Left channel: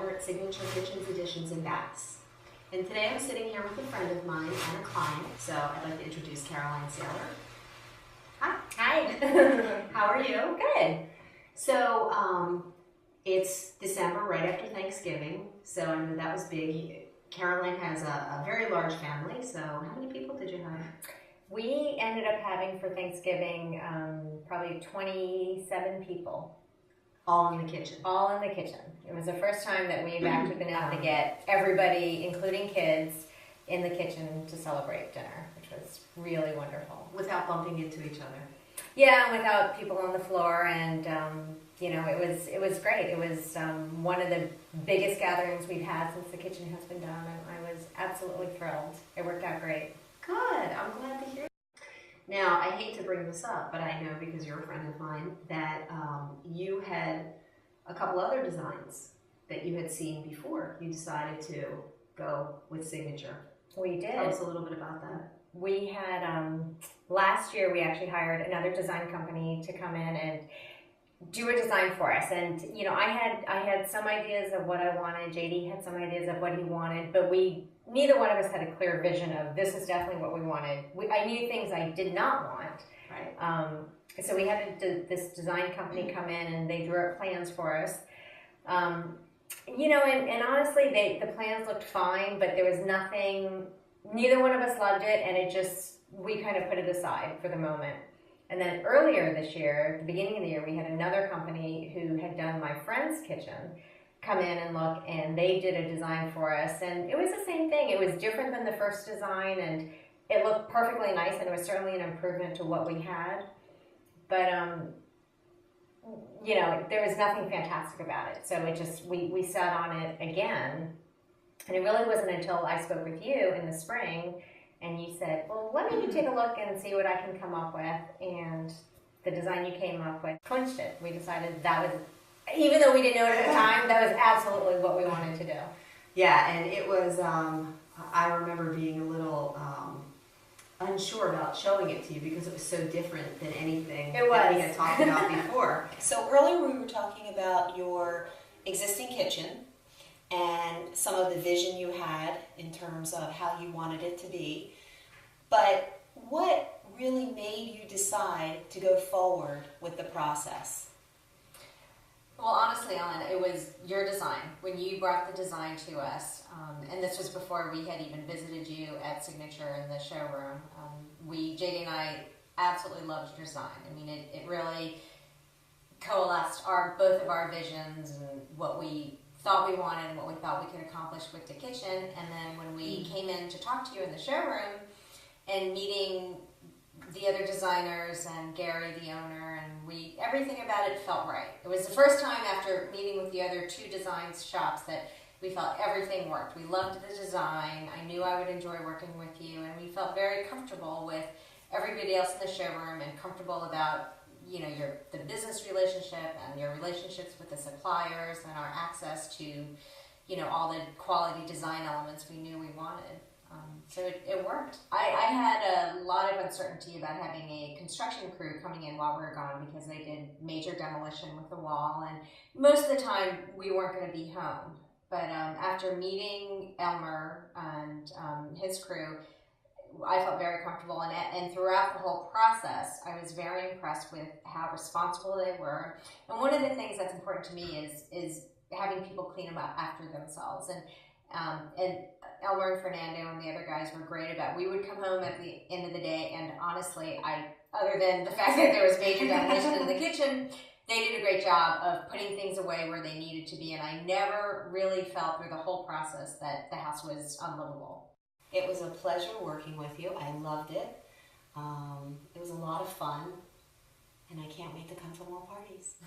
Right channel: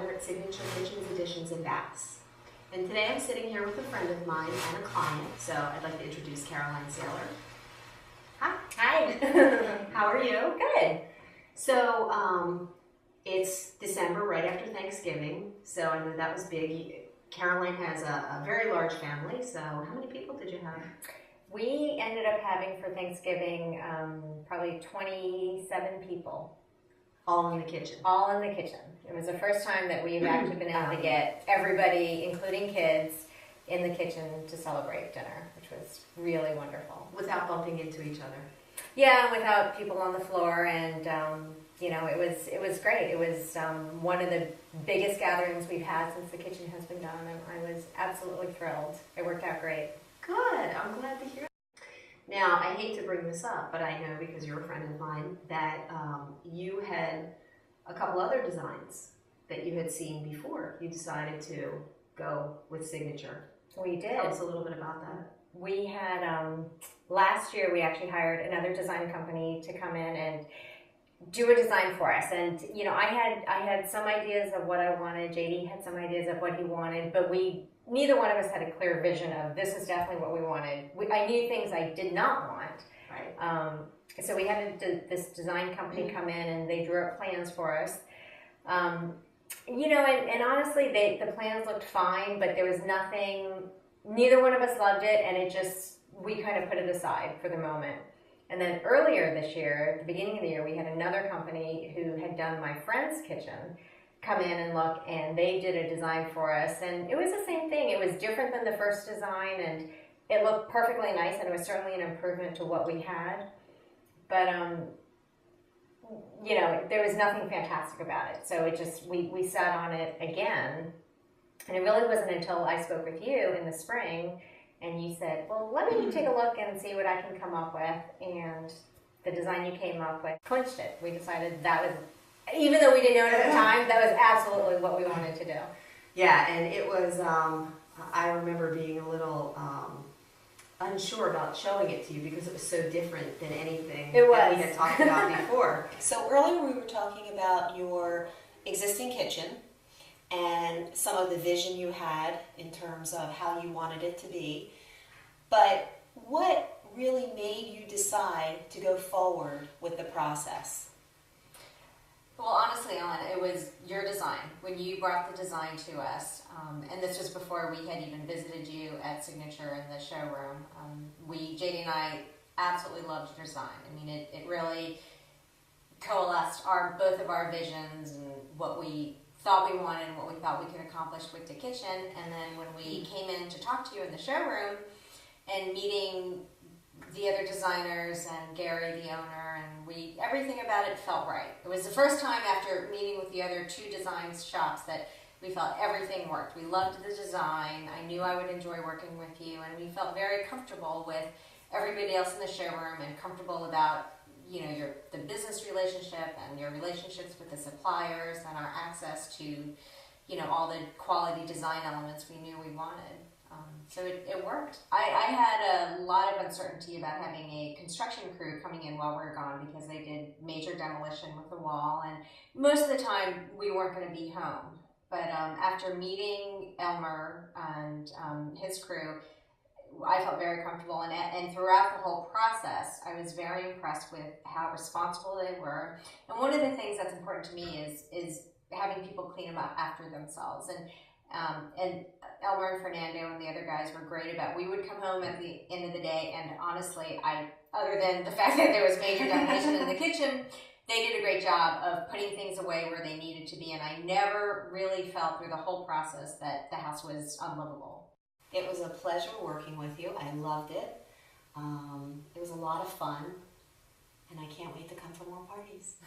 owner at Signature Kitchens, Additions, and Baths. And today I'm sitting here with a friend of mine and a client, so I'd like to introduce Caroline Saylor. Hi. How are you? Good. So it's December, right after Thanksgiving, so I know that was big. Caroline has a very large family, so how many people did you have? We ended up having for Thanksgiving probably 27 people. All in the kitchen? All in the kitchen. It was the first time that we've actually been able to get everybody, including kids, in the kitchen to celebrate dinner, which was really wonderful. Without bumping into each other? Yeah, without people on the floor, and you know, it was great. It was one of the biggest gatherings we've had since the kitchen has been done, and I was absolutely thrilled. It worked out great. Good. I'm glad to hear. Now, I hate to bring this up, but I know because you're a friend of mine that you had a couple other designs that you had seen before you decided to go with Signature. We did. Tell us a little bit about that. We had, last year we actually hired another design company to come in and do a design for us. And, you know, I had some ideas of what I wanted. JD had some ideas of what he wanted, but neither one of us had a clear vision of this is definitely what we wanted. I knew things I did not want. Right. So we had this design company come in and they drew up plans for us. You know, and honestly, the plans looked fine, but there was nothing, neither one of us loved it, and we kind of put it aside for the moment. And then earlier this year, at the beginning of the year, we had another company who had done my friend's kitchen come in and look, and they did a design for us, and it was the same thing. It was different than the first design, and it looked perfectly nice, and it was certainly an improvement to what we had. But you know, there was nothing fantastic about it. So it just, we sat on it again, and it really wasn't until I spoke with you in the spring, and you said, well, let me take a look and see what I can come up with, and the design you came up with clinched it. We decided that was, even though we didn't know it at the time, that was absolutely what we wanted to do. Yeah, and it was, I remember being a little unsure about showing it to you because it was so different than anything that we had talked about before. So earlier we were talking about your existing kitchen and some of the vision you had in terms of how you wanted it to be. But what really made you decide to go forward with the process? Well, honestly, Ellen, it was your design. When you brought the design to us, and this was before we had even visited you at Signature in the showroom, JD and I absolutely loved your design. I mean, it really coalesced both of our visions and what we thought we wanted and what we thought we could accomplish with the kitchen. And then when we came in to talk to you in the showroom and meeting the other designers and Gary, the owner, and everything about it felt right. It was the first time after meeting with the other two design shops that we felt everything worked. We loved the design. I knew I would enjoy working with you, and we felt very comfortable with everybody else in the showroom and comfortable about, you know, the business relationship and your relationships with the suppliers and our access to, you know, all the quality design elements we knew we wanted. So it worked. I had a lot of uncertainty about having a construction crew coming in while we were gone because they did major demolition with the wall, and most of the time we weren't going to be home. But after meeting Elmer and his crew, I felt very comfortable, and throughout the whole process, I was very impressed with how responsible they were. And one of the things that's important to me is having people clean them up after themselves. And Elmer and Fernando and the other guys were great about. We would come home at the end of the day, and honestly, other than the fact that there was major demolition in the kitchen, they did a great job of putting things away where they needed to be, and I never really felt through the whole process that the house was unlivable. It was a pleasure working with you. I loved it. It was a lot of fun, and I can't wait to come to more parties.